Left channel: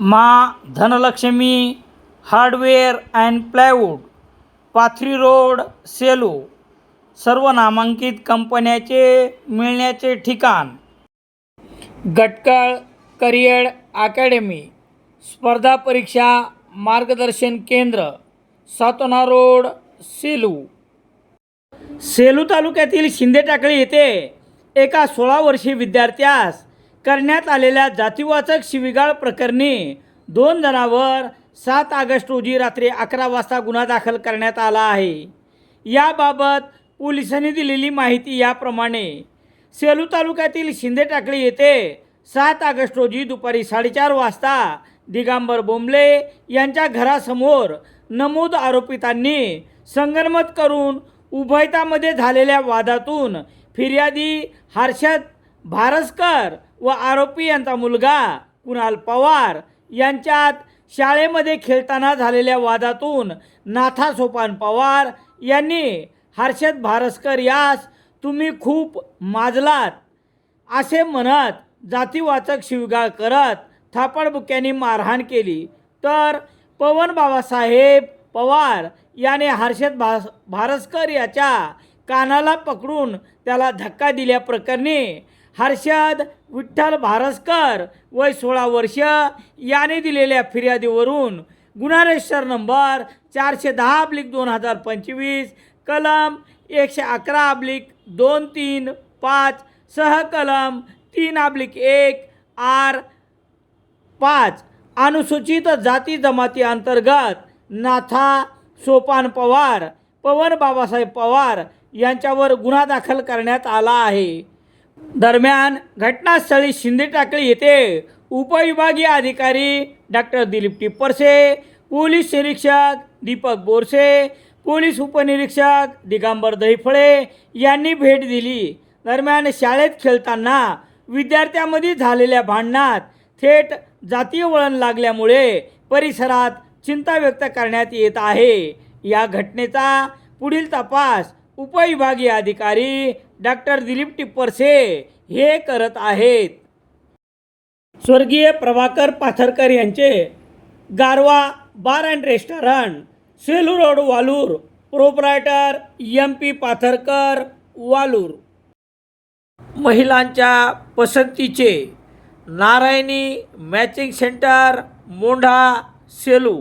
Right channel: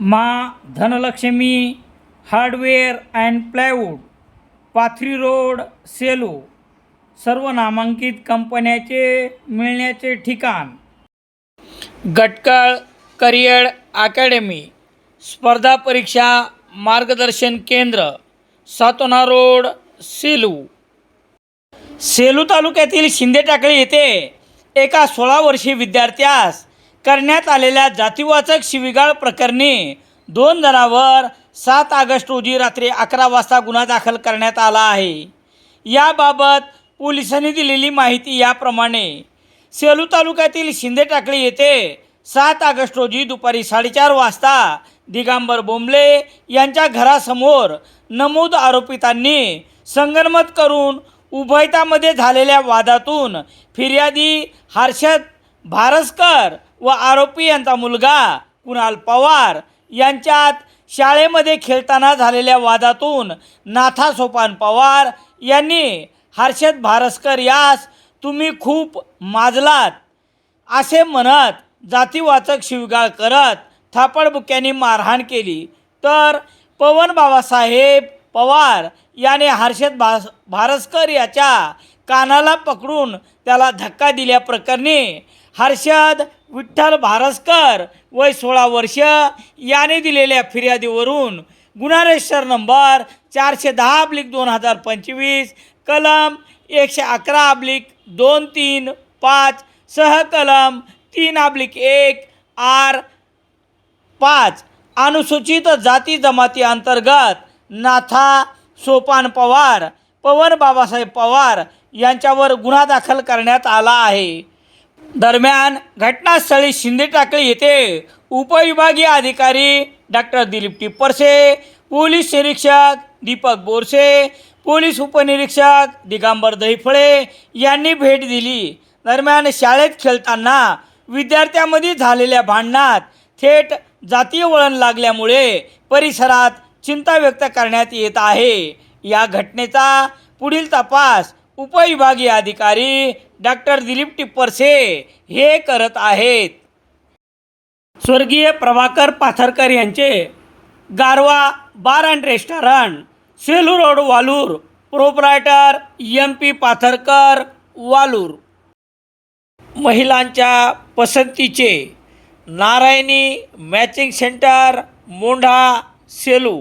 मा Dhanlakshmi hardware and plywood Pathri road Selu सर्व नामांकित कंपन्याचे मिळण्याचे ठिकाण. गटकळ करिअर अकॅडमी स्पर्धा परीक्षा मार्गदर्शन केंद्र सातोना रोड सेलू. सेलू तालुक्यातील शिंदे टाकळी येथे एका सोळा वर्षीय विद्यार्थ्यास करण्यात आलेल्या जातीवाचक शिवीगाळ प्रकरणी दोन जणांवर सात ऑगस्ट रोजी रात्री अकरा वाजता गुन्हा दाखल करण्यात आला आहे. याबाबत पोलिसांनी दिलेली माहिती याप्रमाणे सेलू तालुक्यातील शिंदे टाकळी येथे सात ऑगस्ट रोजी दुपारी साडेचार वाजता दिगांबर बोंबले यांच्या घरासमोर नमूद आरोपितांनी संगनमत करून उभयतामध्ये झालेल्या वादातून फिर्यादी हर्षद भारसकर व आरोपी यांचा मुलगा कुणाल पवार यांच्यात शाळेमध्ये खेळताना झालेल्या वादातून नाथा सोपान पवार यांनी हर्षद भारस्कर यास तुम्ही खूप माजलात असे म्हणत जातीवाचक शिवगाळ करत थापडबुक्यांनी मारहाण केली. तर पवन बाबासाहेब पवार याने हर्षद भास भारस्कर याच्या कानाला पकडून त्याला धक्का दिल्याप्रकरणी हर्षद विठ्ठल भारसकर वय सोळा वर्ष. याने दिलेल्या फिर्यादीवरून गुन्हा रजिस्टर नंबर चारशे दहा अब्लिक दोन हजार पंचवीस कलम एकशे अकरा अब्लिक दोन तीन पाच सह कलम तीन अब्लिक एक आर पाच. अनुसूचित जाती जमाती अंतर्गत नाथा सोपान पवार पवन बाबासाहेब पवार यांच्यावर गुन्हा दाखल करण्यात आला आहे. दरम्यान घटनास्थळी शिंदे टाकळी येथे उपविभागीय अधिकारी डॉक्टर दिलीप टिप्परसे पोलीस निरीक्षक दीपक बोरसे पोलीस उपनिरीक्षक दिगांबर दहिफळे यांनी भेट दिली. दरम्यान शाळेत खेळताना विद्यार्थ्यांमध्ये झालेल्या भांडणात थेट जातीय वळण लागल्यामुळे परिसरात चिंता व्यक्त करण्यात येत आहे. या घटनेचा पुढील तपास उपविभागीय अधिकारी डॉक्टर दिलीप टिप्परसे हे करत आहेत. स्वर्गीय प्रभाकर पाथरकर यांचे Garva bar and restaurant Selu road Valur proprietor M P Patharkar Valur. महिलांच्या पसंतीचे नारायणी मॅचिंग सेंटर मोंढा सेलू.